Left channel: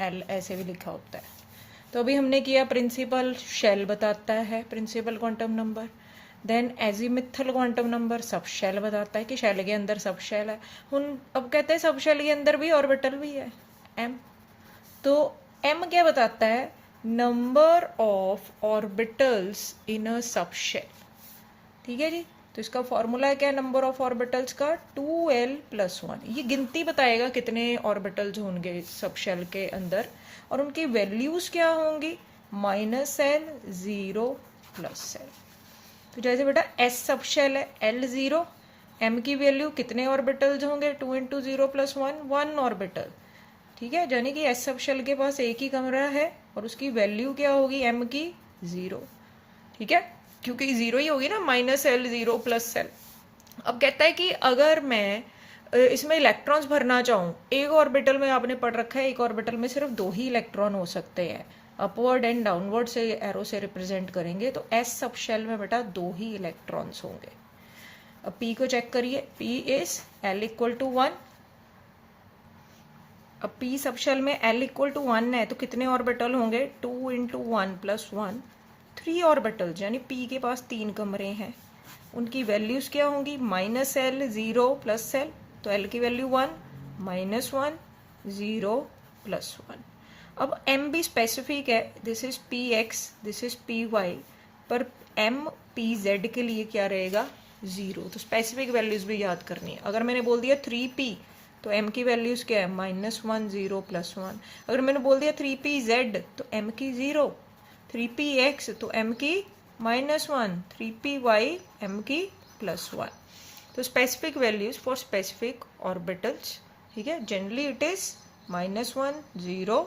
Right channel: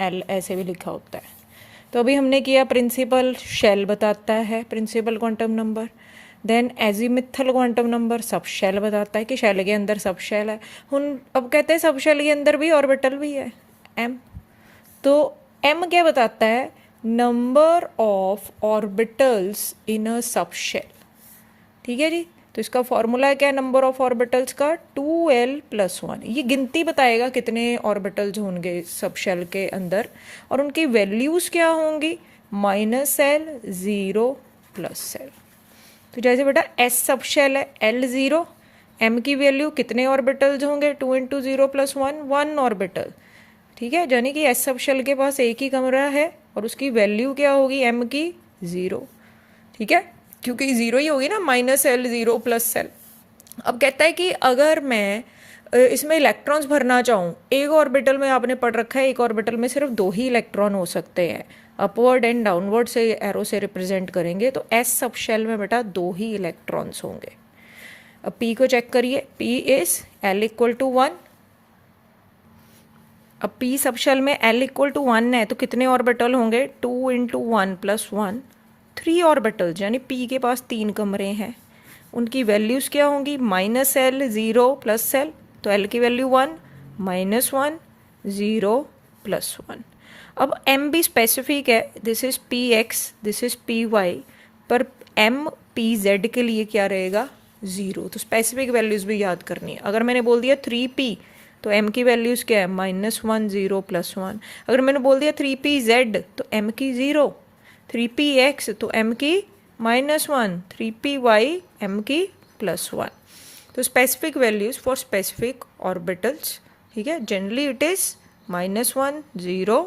L ऐसे भी लिखा होता है। तो अभी हमने किया प्रिंसिपल शेल बताता है principal quantum number, then azimuthal quantum number sub shell बताता है कि शेल के अंदर सब शेल है। हम अब कहते हैं सब शेल के अंदर भी ऑर्बिटल भी है एम। तो एम क्या बताता है, number of orbitals in a subshell. ठीक है जी, तो इसका फॉर्मूला क्या है नंबर ऑफ ऑर्बिटल्स का, 2l+1। ये गिनती बताएगा कितने ऑर्बिटल्स होंगे सब शेल के अंदर, और उनकी वैल्यूज़ क्या होंगी, -l, 0, +l। तो जैसे बेटा एस सब शेल है, l0, m की वैल्यू कितने ऑर्बिटल्स होंगे, 2 × 0 + 1, 1 ऑर्बिटल। ठीक है, यानी कि एस सब शेल के पास एक ही कमरा है और उसकी वैल्यू क्या होगी m की, 0। ठीक है, क्योंकि 0 ही होगी ना, -l, 0, +l। अब कहता है कि अगर मैं इसमें इलेक्ट्रॉन्स भरना चाहूँ, एक ऑर्बिटल में आपने पढ़ रखा है एक ऑर्बिटल में सिर्फ 2 ही इलेक्ट्रॉन हो सकते हैं, अपवर्ड एंड डाउनवर्ड से एरो से रिप्रेजेंट करेंगे, तो एस सब शेल में बेटा 2 ही इलेक्ट्रॉन्स होंगे। अब पी को चेक करिए, पी इज l = 1। अब पी सब शेल में l = 1 है तो कितने ऑर्बिटल होंगे, 2 × 1 + 1, 3 ऑर्बिटल्स, यानी पी के पास 3 कमरे हैं। उनकी वैल्यूज़ क्या होंगी, -l, 0, +l, तो l की वैल्यू 1, -1, 0, +1। अब m भी स्पेसिफिक है, this is px, this is py, पर m pz के लिए क्या रहेगा, 0। तो स्पेसिफिक वैल्यूज़ भी याद करनी है। अगर मैंने बोल दिया 3p तो m की वैल्यूज़ क्या है, -1, 0, +1। अगर मैंने बोल दिया 3pz तो m की 0, 3px तो m की -1, 3py m की +1। तो specific values for specific orbitals. ठीक है, जनरली इट इज़ -1, 0,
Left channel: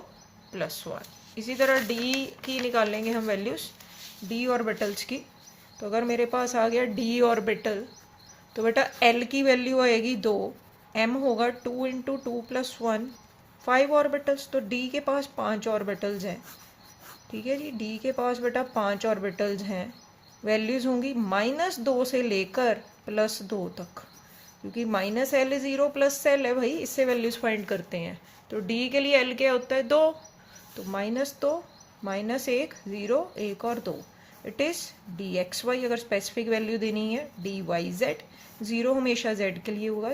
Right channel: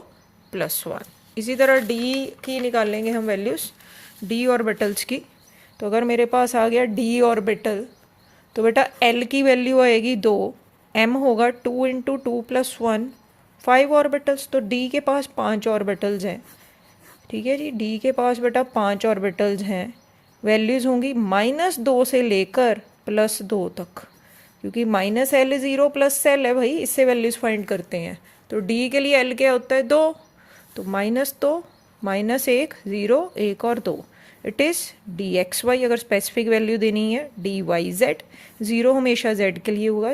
+1। इसी तरह d की निकालेंगे हम वैल्यूज़, d ऑर्बिटल्स की। तो अगर मेरे पास आ गया d ऑर्बिटल, तो बेटा l की वैल्यू आएगी 2, m होगा 2 × 2 + 1, 5 ऑर्बिटल्स। तो d के पास 5 ऑर्बिटल्स हैं। ठीक है जी, d के पास बेटा 5 ऑर्बिटल्स हैं। वैल्यूज़ होंगी -2 से लेकर +2 तक, क्योंकि -l, 0, +l है भाई, इससे वैल्यूज़ फाइंड करते हैं। तो d के लिए l क्या होता है, 2, तो -2, -1, 0, 1 और 2, इट इज़ dxy। अगर स्पेसिफिक वैल्यू देनी है, dyz, 0 हमेशा z के लिए होगा।